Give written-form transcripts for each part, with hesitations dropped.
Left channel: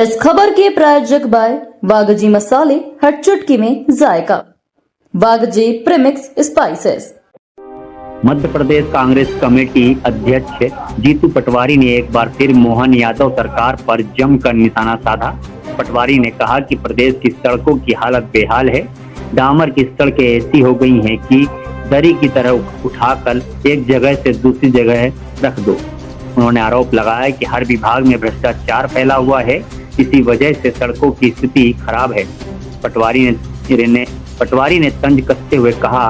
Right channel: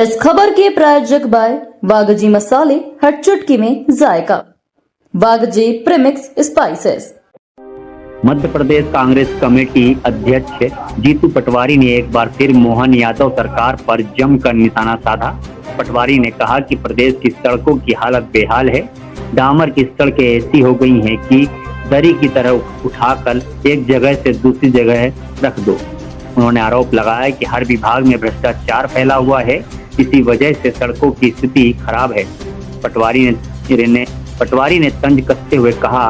इस खबर के प्रायोजक बाय वागजी मसाले, हर चुटकी में जायका। वागजी premix spices. Madhya Pradesh Congress committee अध्यक्ष जीतू पटवारी ने एक बार फिर मोहन यादव सरकार पर जमकर निशाना साधा। पटवारी ने कहा कि प्रदेश की सड़कों की हालत बेहाल है। डामर की सड़कें ऐसी हो गई हैं कि दरी की तरह उठाकर एक जगह से दूसरी जगह रख दो। उन्होंने आरोप लगाया कि हर विभाग में भ्रष्टाचार फैला हुआ है, इसी वजह से सड़कों की स्थिति खराब है। पटवारी ने तंज कसते हुए कहा,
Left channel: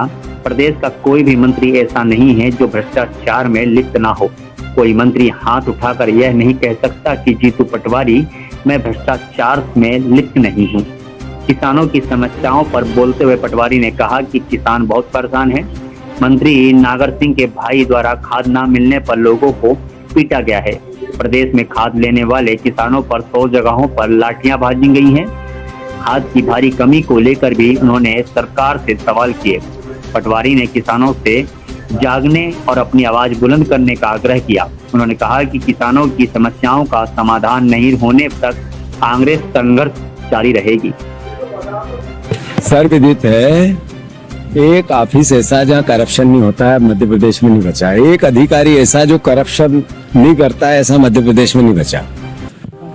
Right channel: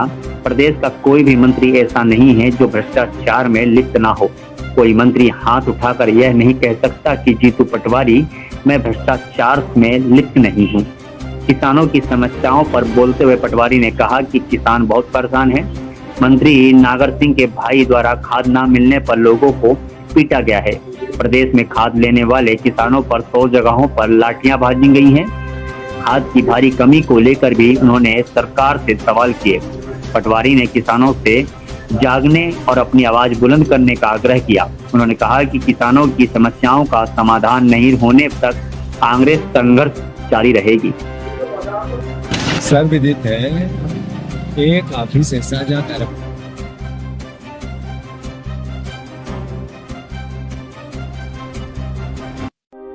प्रदेश का कोई भी मंत्री ऐसा नहीं है जो भ्रष्टाचार में लिप्त ना हो। कोई मंत्री हाथ उठाकर यह नहीं कह सकता कि जीतू पटवारी मैं भ्रष्टाचार में लिप्त नहीं हूँ। किसानों की समस्याओं पर बोलते हुए पटवारी ने कहा कि किसान बहुत परेशान है। मंत्री नागर सिंह के भाई द्वारा खाद न मिलने पर लोगों को पीटा गया है। प्रदेश में खाद लेने वाले किसानों पर 100 जगहों पर लाठियां भाजी गई हैं। खाद की भारी कमी को लेकर भी उन्होंने सरकार से सवाल किए। पटवारी ने किसानों से जागने और अपनी आवाज बुलंद करने का आग्रह किया। उन्होंने कहा कि किसानों की समस्याओं का समाधान नहीं होने तक कांग्रेस संघर्ष जारी रहेगी। सर्वविदित है, एक ऑफिस ऐसा जहाँ करप्शन नहीं होता है मध्य प्रदेश में नहीं बचा। एक अधिकारी ऐसा जो करप्शन नहीं करता है ऐसा मध्य प्रदेश में नहीं बचा।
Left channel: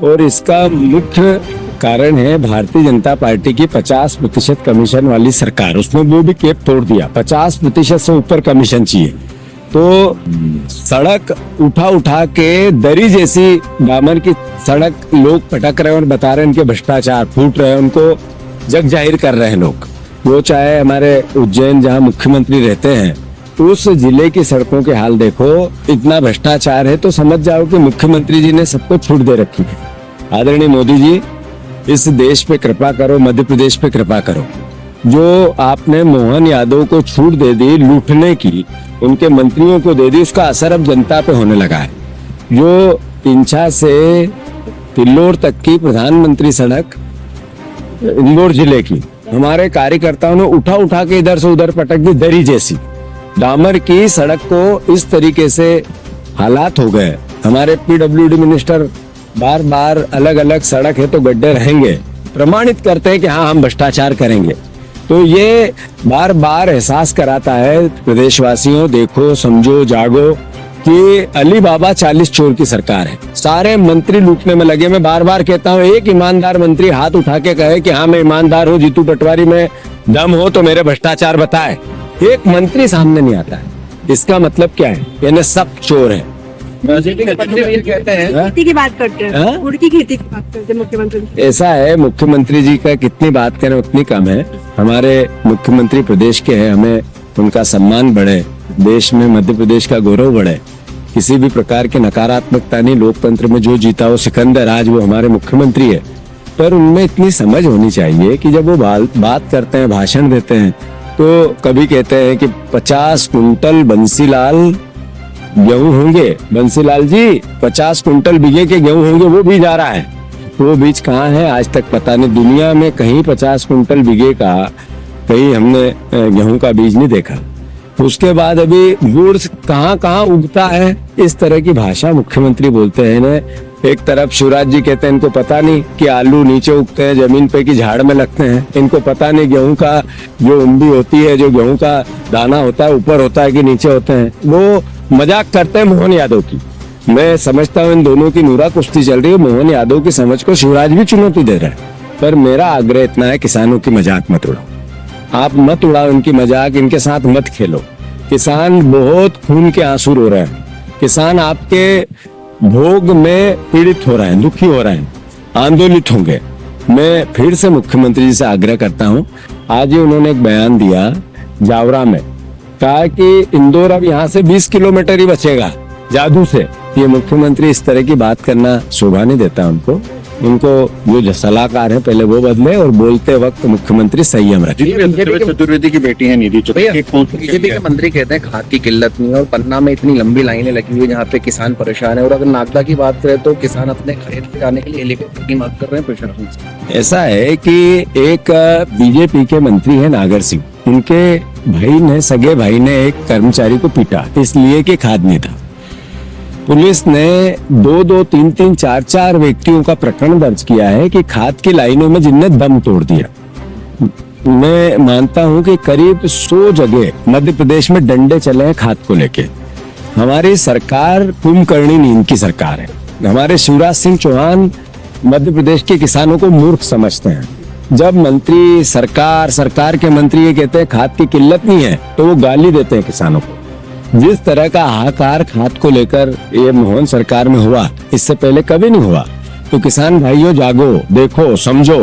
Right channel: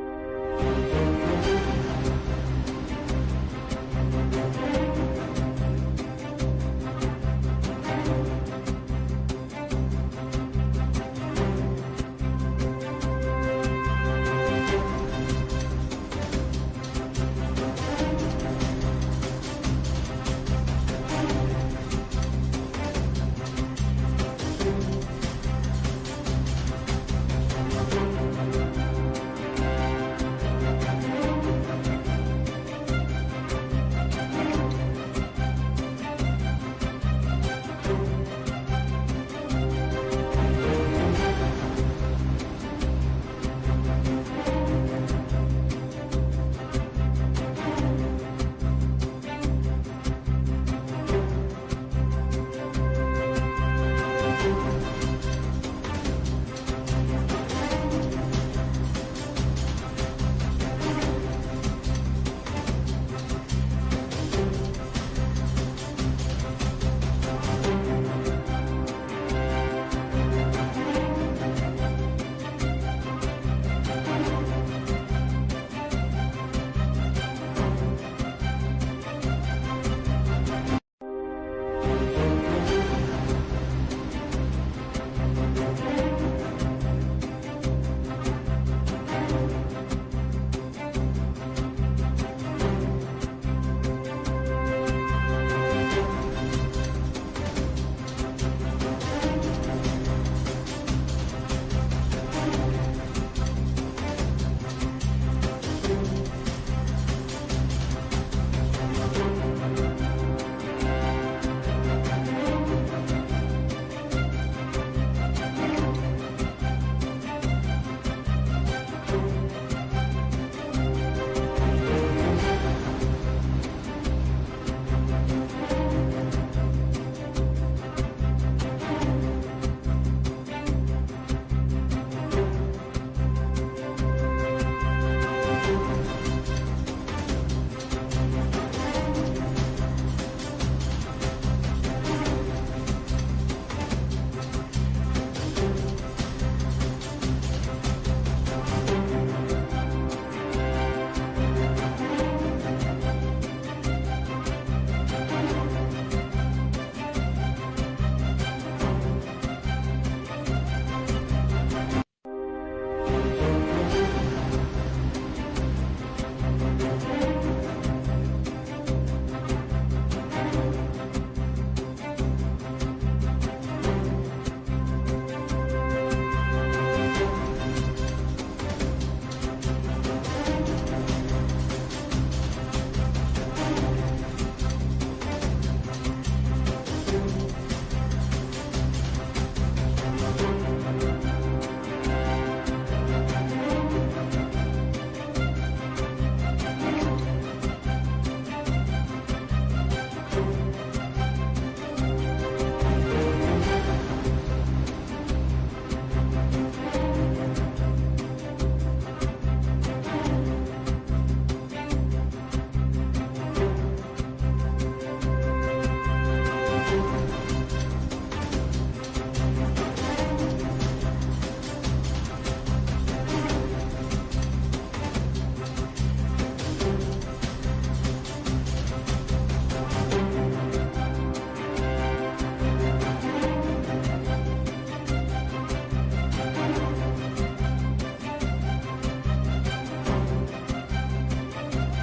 और इसका मुख्य कारण है भारतीय जनता पार्टी की 50% कमीशन वाली सरकार। उसने वो भी केप तोड़ दिया। 50% से ऊपर कमीशन चाहिए तो सड़क उठा उठा के दरी जैसी डामर की सड़क लोग पटक रहे हैं और बता रहे हैं इनके भ्रष्टाचार फूट रहे हैं, उनको जग जाहिर कर रहे हैं लोग। वो चाहे हमारे उज्जैन जहाँ मुख्यमंत्री रहते हैं उस जिले की सड़कों के हाल देखो, इतना भ्रष्टाचार है तो समझ जाओ कि मुख्यमंत्री जी ने सबको छूट दे रखी है। आदरणीय मोदी जी, इस देश पे कृपा करो, मध्य प्रदेश पे कृपा करो। जो आपने मोहन यादव को छूट दे दी लूटने की, उनके मंत्रियों को दे दी, उसका असर अब जनता पे होने लगा है। जो इंछा से तिल्लोर तक की प्रधानमंत्री सड़क इंदौर जिले की हमारे कार्यकर्ताओं ने उठा उठा के इधर से उधर पटक दी। दरी जैसी डामर की सड़क को इस तरीके से हालात हो गए। हमारे पीडब्ल्यूडी मिनिस्टर बार बार अलग अलग सड़क है तो गड्ढे रहेंगे प्रमाणित करते हैं कि हाँ हम भ्रष्टाचार करेंगे। तो ये बार बार एहसास कराता है प्रदेशवासियों, देखो समझो जागो कि अली बाबा 40 चोर की सरकार है। सारे मंत्री लूटने में लगे। मैं बार बार कहता हूँ एक ईमानदार मंत्री हाथ उठा के कहे कि हाँ मैं ईमानदार हूँ, जीतू पटवारी में दम हो तो मेरे भ्रष्टाचार बताए। एक मंत्री सामने नहीं आता है। इसका मतलब क्या है? यानी सब चोर हैं। कहते हैं खेती की बात करते हैं, गुड़ की खेती की बात करते हैं मुख्यमंत्री। ऐसा है, मुख्यमंत्री जी का कितनी बात करें उतनी कम है। हमारे मुख्यमंत्री प्रदेश के हैं, हमें उनका सम्मान बढ़े, देश में मध्य प्रदेश का गौरव बढ़े। किसी भी प्रकार की नकारात्मकता नहीं। लोकतंत्र में जो जीता वो सिकंदर, आज वो हमारे मुख्यमंत्री है। पर उनमें इतनी समझ होनी चाहिए कि जब वो बात करते हैं, भाषण देते हैं, तो कभी कहते हैं कि 50 कुंटल बंसीलाल गेहूं होंगे। बंसीलाल जी 50 कुंटल बीघे के गेहूं होंगे, वो बीज आ रहा है। वो बीज कहाँ है आज तक पता नहीं। दुनिया में कहीं 50 कुंटल बीघे का कहीं हमने गेहूं का बीज नहीं देखा। उसके बाद अभी गुड़ कहाँ कहाँ उगता है, इस तरह की भाषा मुख्यमंत्री बोलते हैं ना। एक तरफ शिवराज जी कहते हैं इनको पता नहीं कि आलू नीचे उगते हैं जमीन पे कि झाड़ में लगते हैं। इनको पता नहीं गेहूं का जो उम्बी होती है, जो गेहूं का दाना होता है ऊपर होता है कि नीचे होते हैं। वो मजाक करते हैं मोहन यादव की। मैं समझता हूँ इन दोनों की नूरा कुश्ती चल रही है। मोहन यादव की समझ को शिवराज भी चुनौती दे रहा है। पर मेरा आग्रह इतना है, किसानों की मजाक मत उड़ाओ। आप मत उड़ाओ इनकी मजाक, इनके साथ मत खेलो। किसान बहुत खून के आंसू रो रहे हैं। किसान आपके भोग में पीड़ित हो रहे हैं, दुखी हो रहे हैं, आंदोलित होंगे। मैं फिर से मुख्यमंत्री जी से आग्रह करता हूं, आज ही उन्होंने एक बयान दिया जावरा में, कहा कि इंदौर अब यहाँ से 20 किलोमीटर ही बचेगा जादू से। ये मुख्यमंत्री इस तरह की बात करना शोभा नहीं देता उनको। इनको जो सलाहकार है पहले वो बदले और बोलते वक्त मुख्यमंत्री संयम रखे। चतुर्वेदी की बेटी है निधि चतुर्वेदी। बीजेपी के मंत्री कहते हैं खाद की किल्लत नहीं है और पन्ना में इतनी लंबी लाइनें लगी हुई जहाँ पे किसान परेशान है। और अगर नागदा की बात करें तो किसान अपने खरीद जाने के लिए हेलीकॉप्टर की मांग कर रहे हैं प्रशासन से। ऐसा है कि एक बीजेपी के मंत्री है नागर सिंह, उनके भाई ने, सगे भाई ने एक कर्मचारी को पीटा इसलिए कि खाद नहीं था। पुलिस ने 2-2, 3-3, 4-4 व्यक्तियों का प्रकरण दर्ज किया है कि खाद की लाइनों में जिनने दम तोड़ दिया। मैं मानता हूं कि करीब 100 जगह मध्य प्रदेश में डंडे चले हैं खाद को लेके। हमारी सरकार कुंभकर्णी नींद की सरकार है। हमारे शिवराज सिंह चौहान मध्य प्रदेश के किसानों को मूर्ख समझते हैं। जब मंत्री सरकार के मंत्री ये कहते हैं खाद की किल्लत नहीं है, तो वो गाली देते हैं किसानों को। जिस तरह का हाहाकार खाद को लेकर ये मोहन सरकार में हुआ, इससे पहले कभी नहीं हुआ। तो किसान भाइयों जागो, देखो, समझो,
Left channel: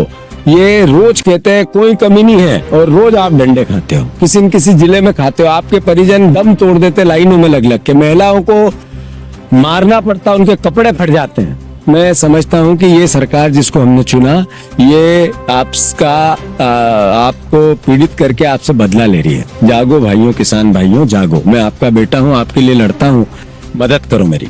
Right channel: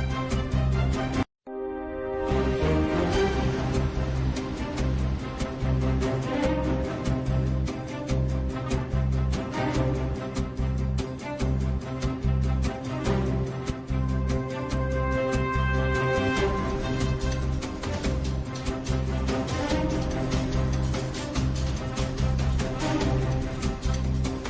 ये रोज कहते हैं कोई कमी नहीं है और रोज आप डंडे खाते हो, किसी न किसी जिले में खाते हो। आपके परिजन दम तोड़ देते लाइनों में लग लग के, महिलाओं को मारना पड़ता, उनके कपड़े फट जाते हैं। मैं समझता हूं कि ये सरकार जिसको हमने चुना, ये आपको पीड़ित करके आपसे बदला ले रही है। जागो भाइयों, किसान भाइयों, जागो। मैं आपका बेटा हूं, आपके लिए लड़ता हूं, मदद करो मेरी।